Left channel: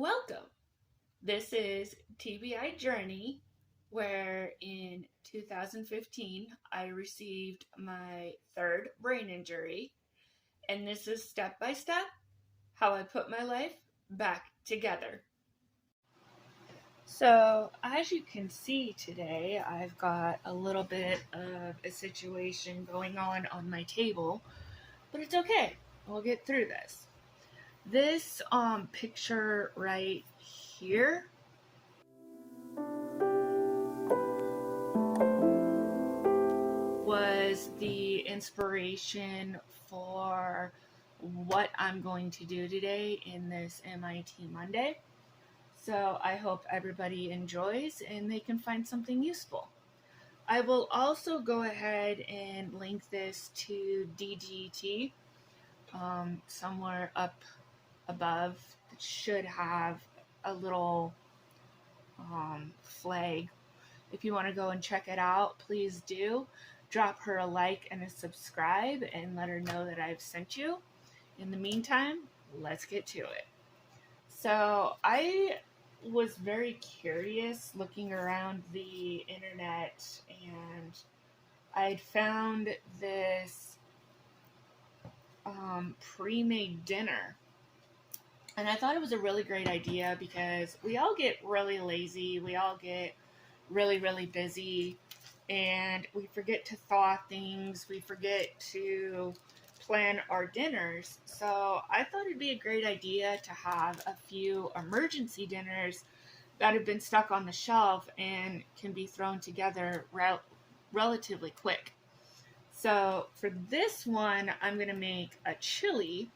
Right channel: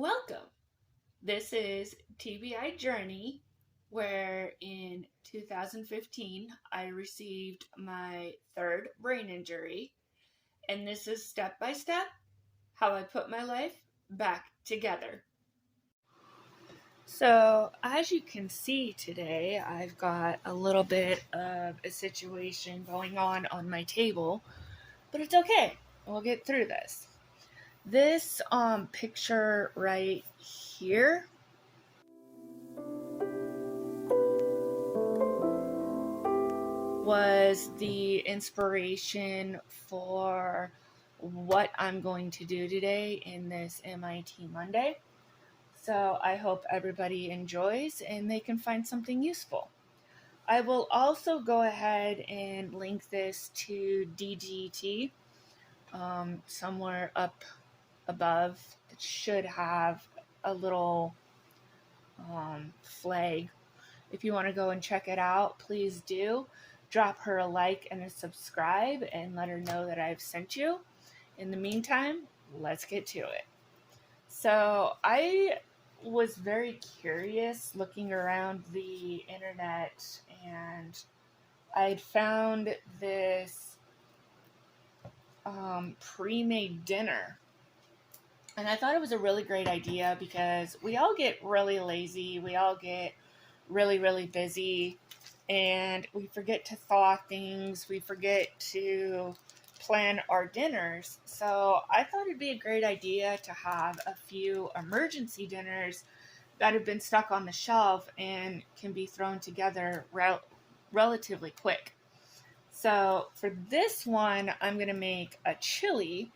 Welcome. This is TBI Journey, where in 2015 I received my third brain injury, and this is step by step how I put my life back together. So, as you can see today, I've got a little bit of a situation going on my table, but it's okay. We'll get through this. This picture right here was the inspiration for what I'm going to do today in this MIT Monday. So I hope everybody enjoys and they can find something useful. I will also go ahead and link this to DGT somewhere up above. It should have a little flag. If you want to go and check it out, please do. Drop her a like and a subscribe and let her know that I've sent you. In the meantime, let's get to it. So I was very curious looking around the internet, and I'd found this pre-made dinner. And I thought it was a really great idea because we all get really lazy. We all get really busy, and we forget to thaw things. We forget to plan our dinners. So I thought it'd be a great idea to have a few emergency dinners that have been stuck on the shelf and can be thrown together relatively quick. So for this one, I'm going to make a chili.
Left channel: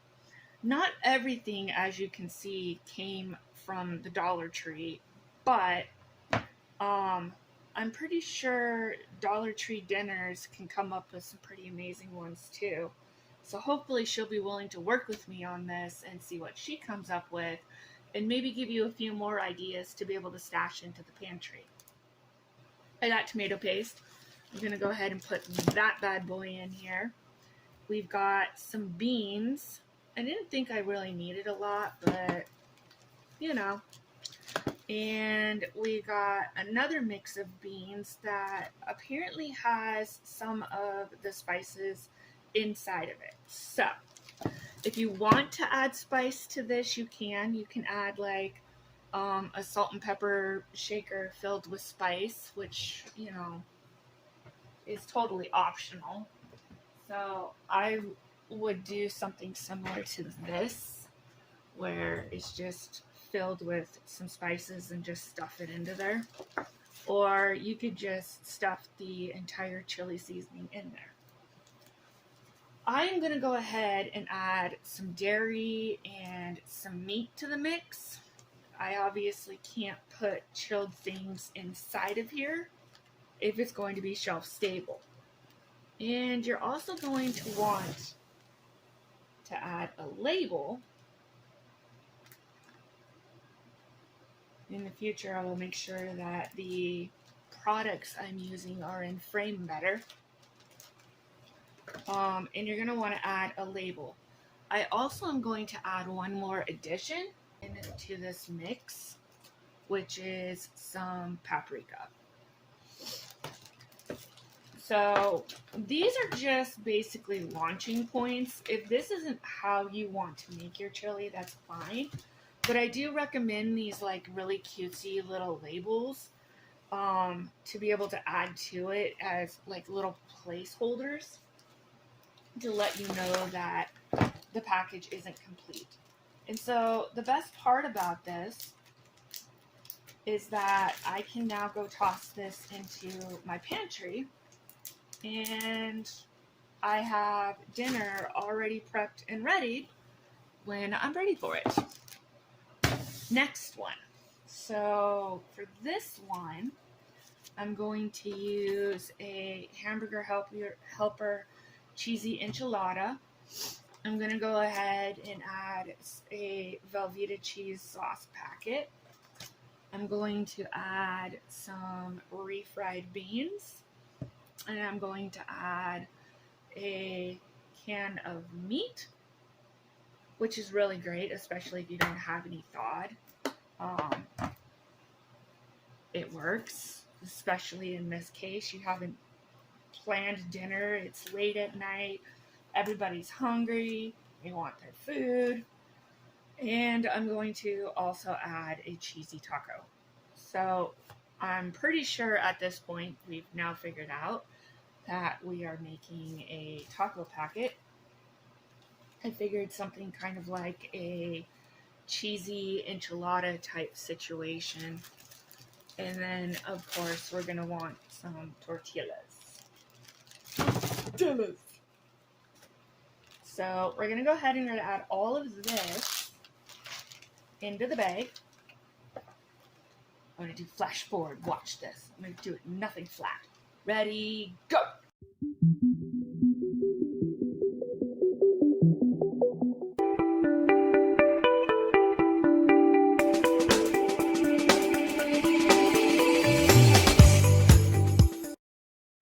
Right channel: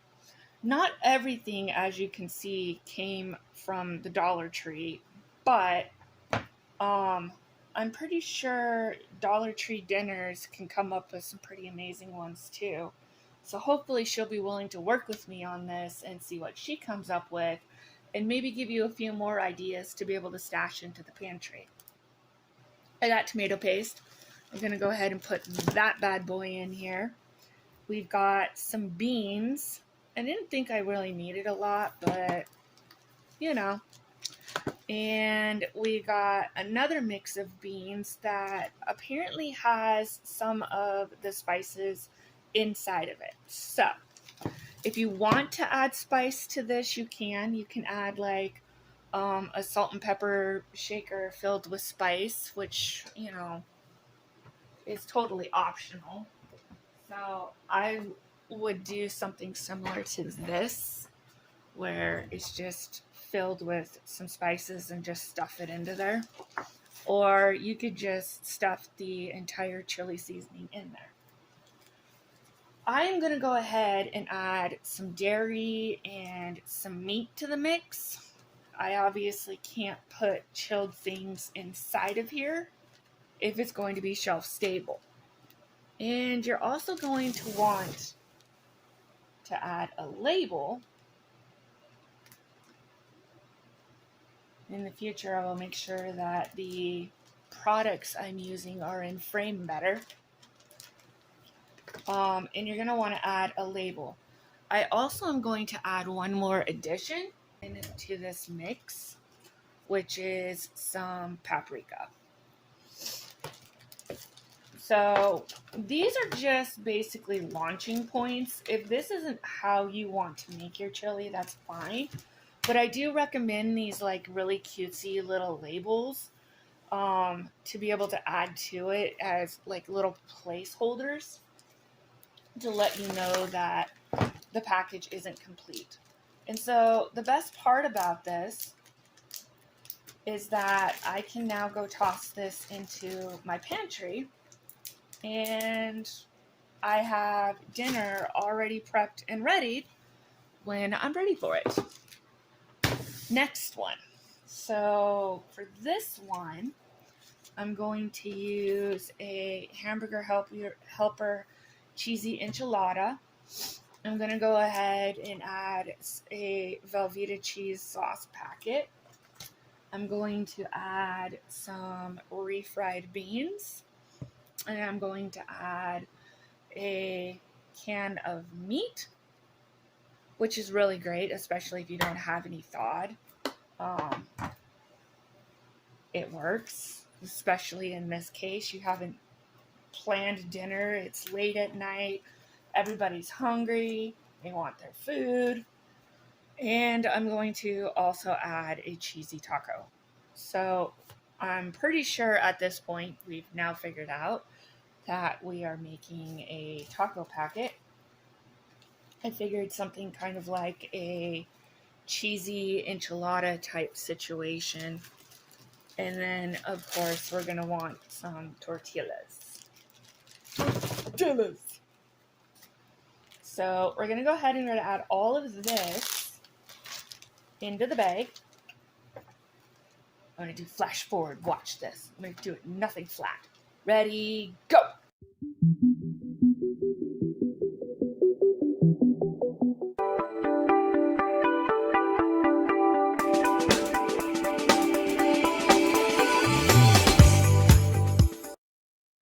Not everything, as you can see, came from the Dollar Tree, but I'm pretty sure Dollar Tree dinners can come up with some pretty amazing ones too. So hopefully she'll be willing to work with me on this and see what she comes up with, and maybe give you a few more ideas to be able to stash into the pantry. I got tomato paste. I'm going to go ahead and put that bad boy in here. We've got some beans. I didn't think I really needed a lot, but you know. And we got another mix of beans that apparently has some of the spices inside of it. So if you want to add spice to this, you can. You can add like a salt and pepper shaker filled with spice, which, is totally optional. So I would do something similar to this, where it's just filled with some spices and just stuff it into there. Or you could just stuff the entire chili seasoning in there. I am going to go ahead and add some dairy and some meat to the mix. I obviously can't put chilled things inside of here if it's going to be shelf stable. And you're also going to want to add a label. In the future, I will make sure that the products I'm using are in frame better. And you're going to want to add a label. I also am going to add one more addition into this mix, which is some paprika. So these are just basically launching points. If this isn't how you want to make your chili, that's fine. But I do recommend these like really cutesy little labels to be able to add to it as like little placeholders to let you know that the package isn't complete. And so the best part about this is that I can now go toss this into my pantry, and I have dinner already prepped and ready when I'm ready for it. Next one. So for this one, I'm going to use a hamburger helper cheesy enchilada. I'm going to go ahead and add a Velveeta cheese sauce packet. I'm going to add some refried beans, and I'm going to add a can of meat, which is really great, especially if you don't have any thawed. Um, it works, especially in this case. You haven't planned dinner, it's late at night, everybody's hungry, they want their food. And I'm going to also add a cheesy taco. So I'm pretty sure at this point we've now figured out that we are making a taco packet. I figured something kind of like a cheesy enchilada type situation. And then, of course, we're going to want some tortillas. Tortillas! So we're going to go ahead and we're going to add all of this into the bag. I'm going to do flash forward. Watch this. I'm going to do it nothing flat. Ready, go!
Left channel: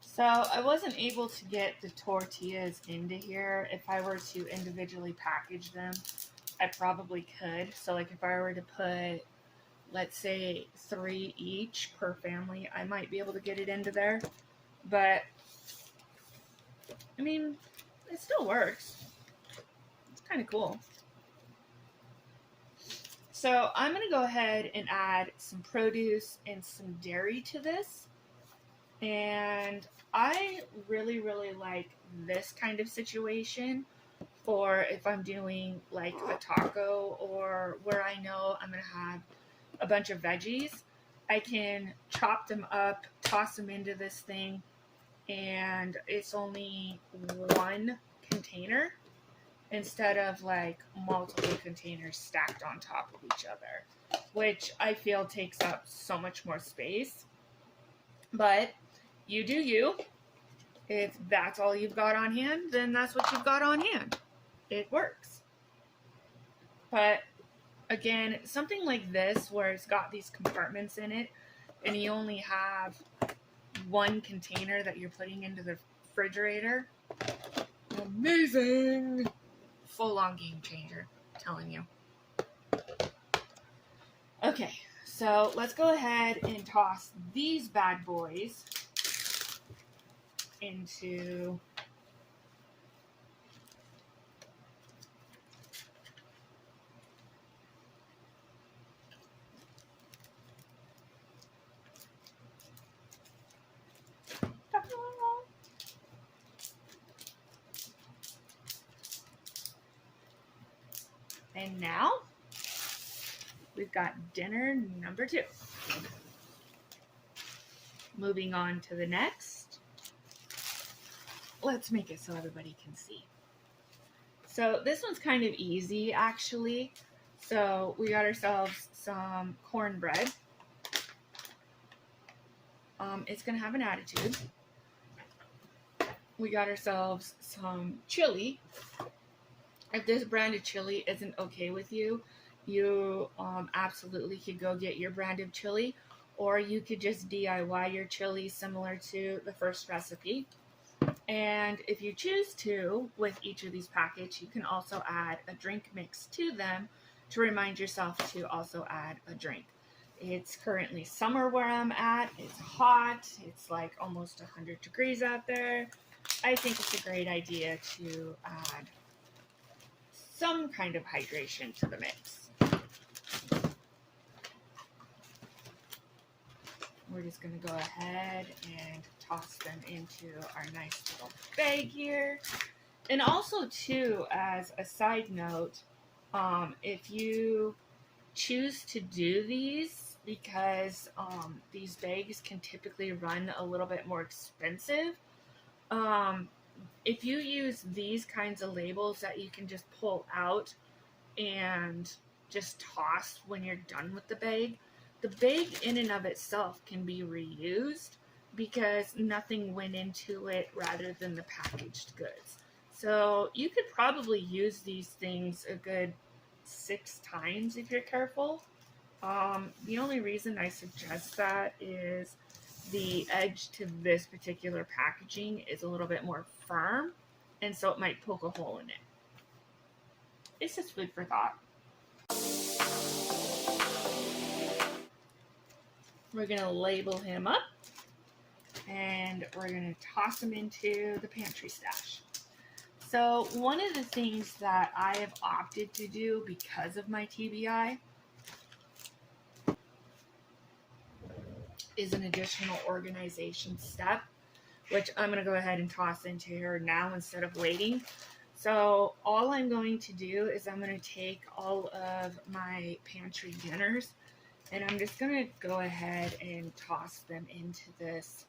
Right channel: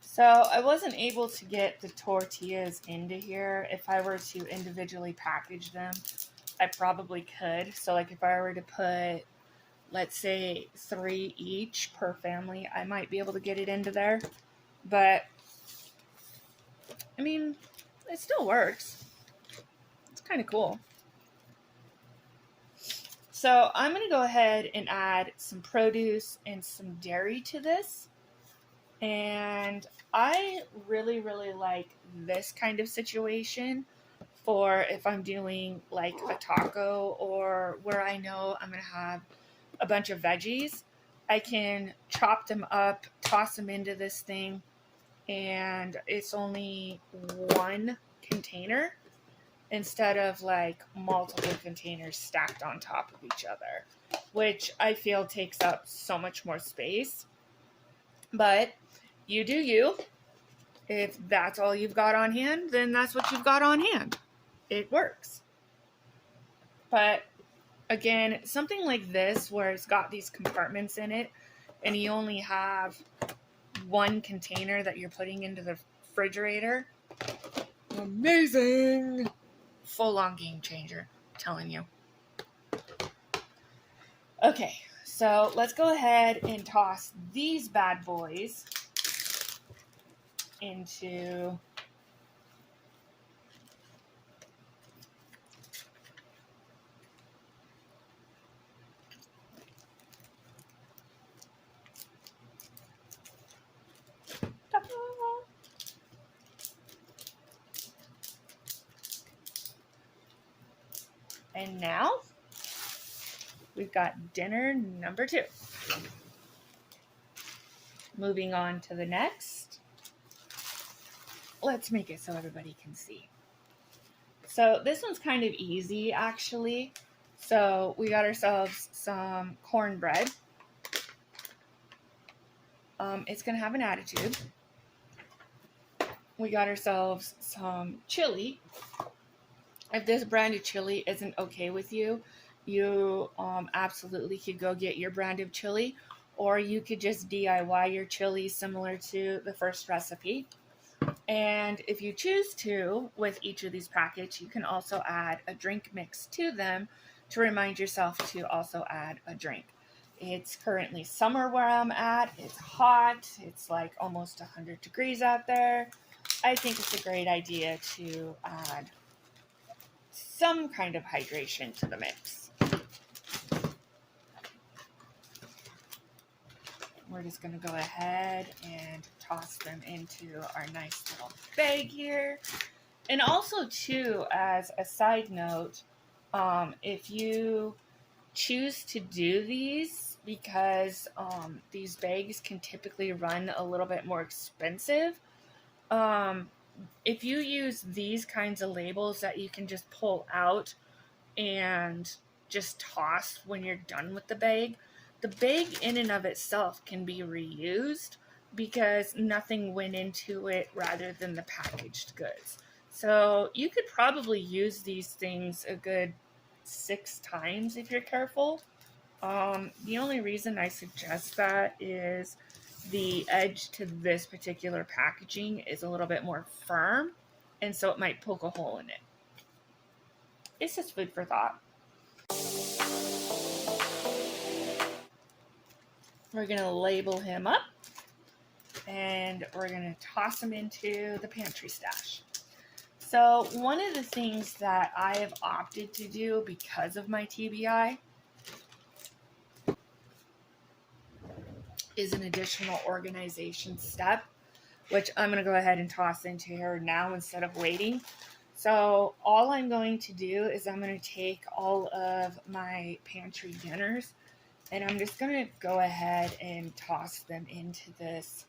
So I wasn't able to get the tortillas into here. If I were to individually package them, I probably could. So like if I were to put, let's say 3 each per family, I might be able to get it into there. But, I mean, it still works. It's kind of cool. So I'm going to go ahead and add some produce and some dairy to this. And I really, really like this kind of situation for if I'm doing like a taco or where I know I'm going to have a bunch of veggies. I can chop them up, toss them into this thing, and it's only one container instead of like multiple containers stacked on top of each other, which I feel takes up so much more space. But you do you. If that's all you've got on hand, then that's what you've got on hand. It works. But again, something like this where it's got these compartments in it and you only have one container that you're putting into the refrigerator, amazing! Full on game changer, I'm telling you. Okay, so let's go ahead and toss these bad boys into and now we've got dinner number 2. Moving on to the next. Let's make it so everybody can see. So this one's kind of easy actually. So we got ourselves some cornbread. It's gonna have an attitude. We got ourselves some chili. If this brand of chili isn't okay with you, you absolutely could go get your brand of chili, or you could just DIY your chili similar to the first recipe. And if you choose to, with each of these packets, you can also add a drink mix to them to remind yourself to also add a drink. It's currently summer where I'm at. It's hot. It's like almost 100 degrees out there. I think it's a great idea to add some kind of hydration to the mix. We're just going to go ahead and toss them into our nice little bag here. And also, too, as a side note, if you choose to do these, because these bags can typically run a little bit more expensive, if you use these kinds of labels that you can just pull out and just toss when you're done with the bag in and of itself can be reused because nothing went into it rather than the packaged goods. So you could probably use these things a good 6 times if you're careful. The only reason I suggest that is the edge to this particular packaging is a little bit more firm, and so it might poke a hole in it. It's just food for thought. We're going to label him up, and we're going to toss him into the pantry stash. So one of the things that I have opted to do because of my TBI is an additional organization step, which I'm going to go ahead and toss into here now instead of waiting. So all I'm going to do is I'm going to take all of my pantry dinners and I'm just going to go ahead and toss them into this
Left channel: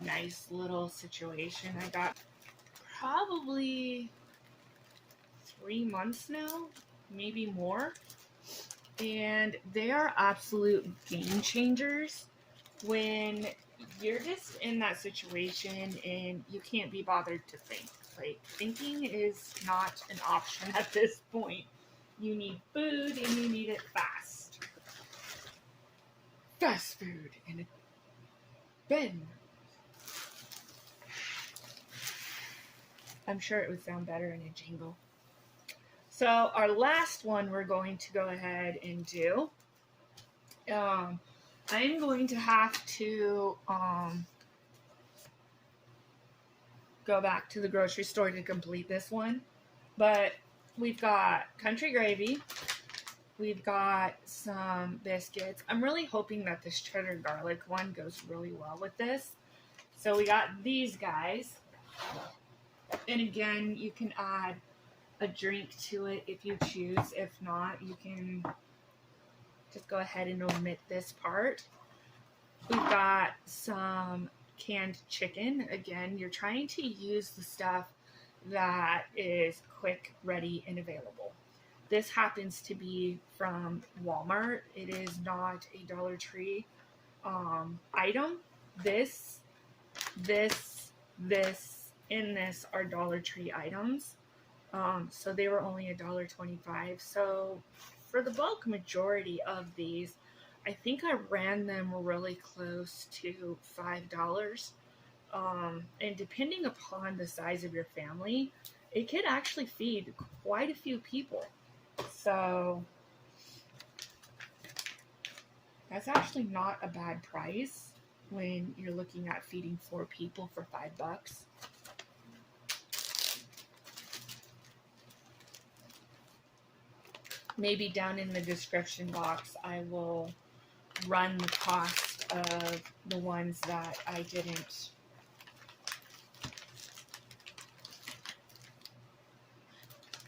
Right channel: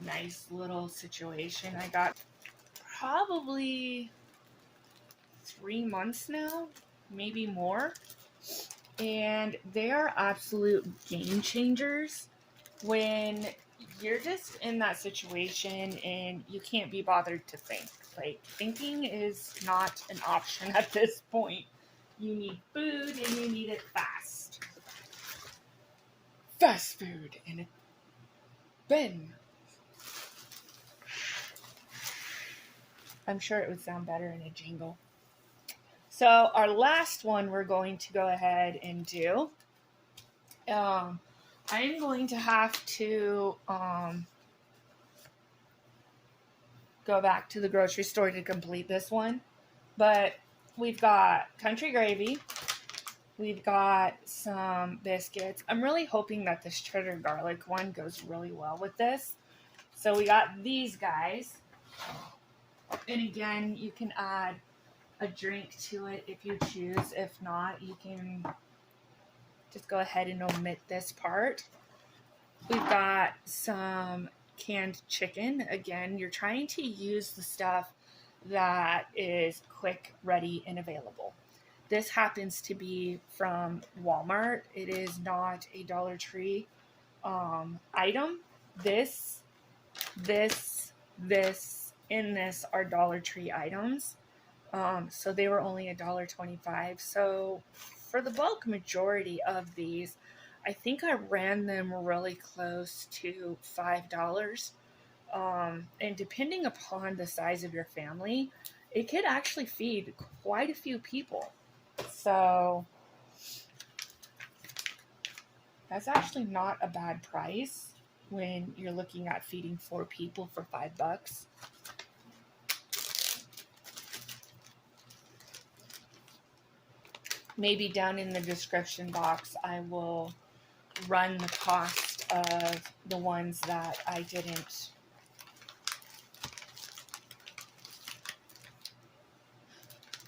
nice little situation. I got probably 3 months now, maybe more. And they are absolute game changers when you're just in that situation and you can't be bothered to think. Like, thinking is not an option at this point. You need food and you need it fast. Fast food in a bin. I'm sure it would sound better in a jingle. So our last one we're going to go ahead and do. I'm going to have to go back to the grocery store to complete this one. But we've got country gravy. We've got some biscuits. I'm really hoping that this cheddar garlic one goes really well with this. So we got these guys. And again, you can add a drink to it if you choose. If not, you can just go ahead and omit this part. We've got some canned chicken. Again, you're trying to use the stuff that is quick, ready, and available. This happens to be from Walmart. It is not a Dollar Tree item. This, and this are Dollar Tree items. So they were only $1.25. So for the bulk majority of these, I think I ran them really close to $5. And depending upon the size of your family, it could actually feed quite a few people. So that's actually not a bad price when you're looking at feeding 4 people for $5. Maybe down in the description box, I will run the cost of the ones that I didn't.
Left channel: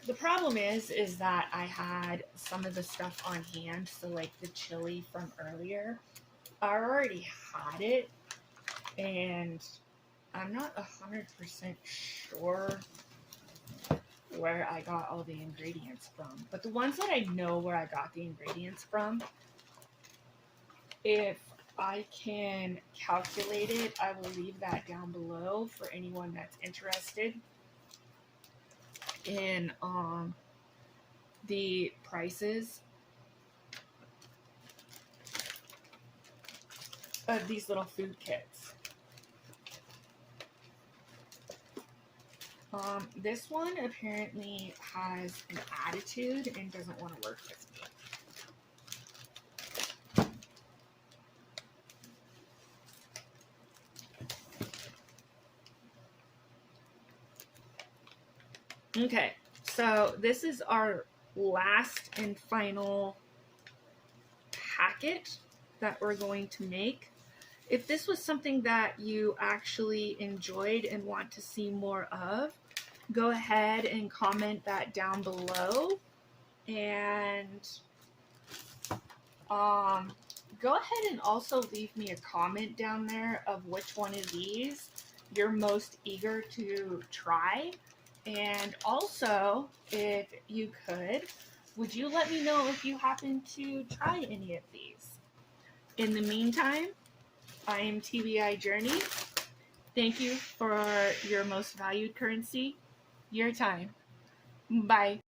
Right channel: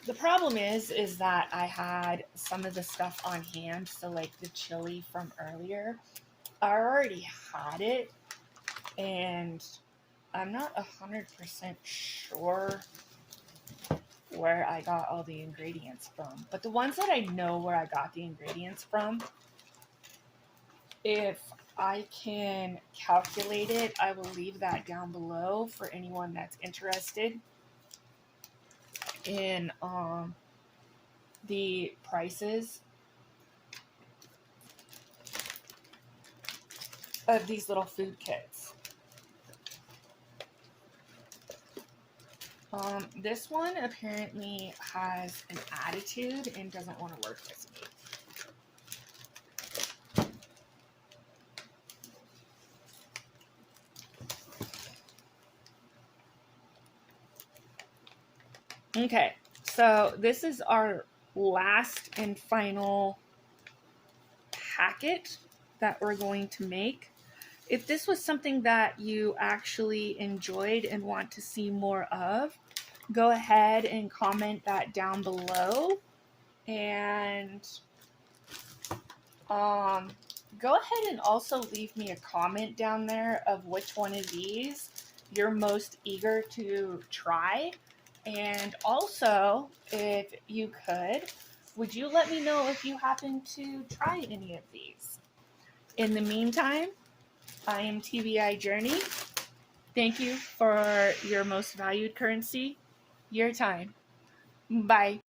The problem is that I had some of the stuff on hand. So like the chili from earlier, I already had it and I'm not 100% sure where I got all the ingredients from. But the ones that I know where I got the ingredients from, if I can calculate it, I will leave that down below for anyone that's interested in the prices of these little food kits. This one apparently has an attitude and doesn't want to work with me. Okay, so this is our last and final packet that we're going to make. If this was something that you actually enjoyed and want to see more of, go ahead and comment that down below. And go ahead and also leave me a comment down there of which one of these you're most eager to try. And also, if you could, would you let me know if you happen to try any of these? In the meantime, I am TBI Journey. Thank you for your most valued currency, your time. Bye.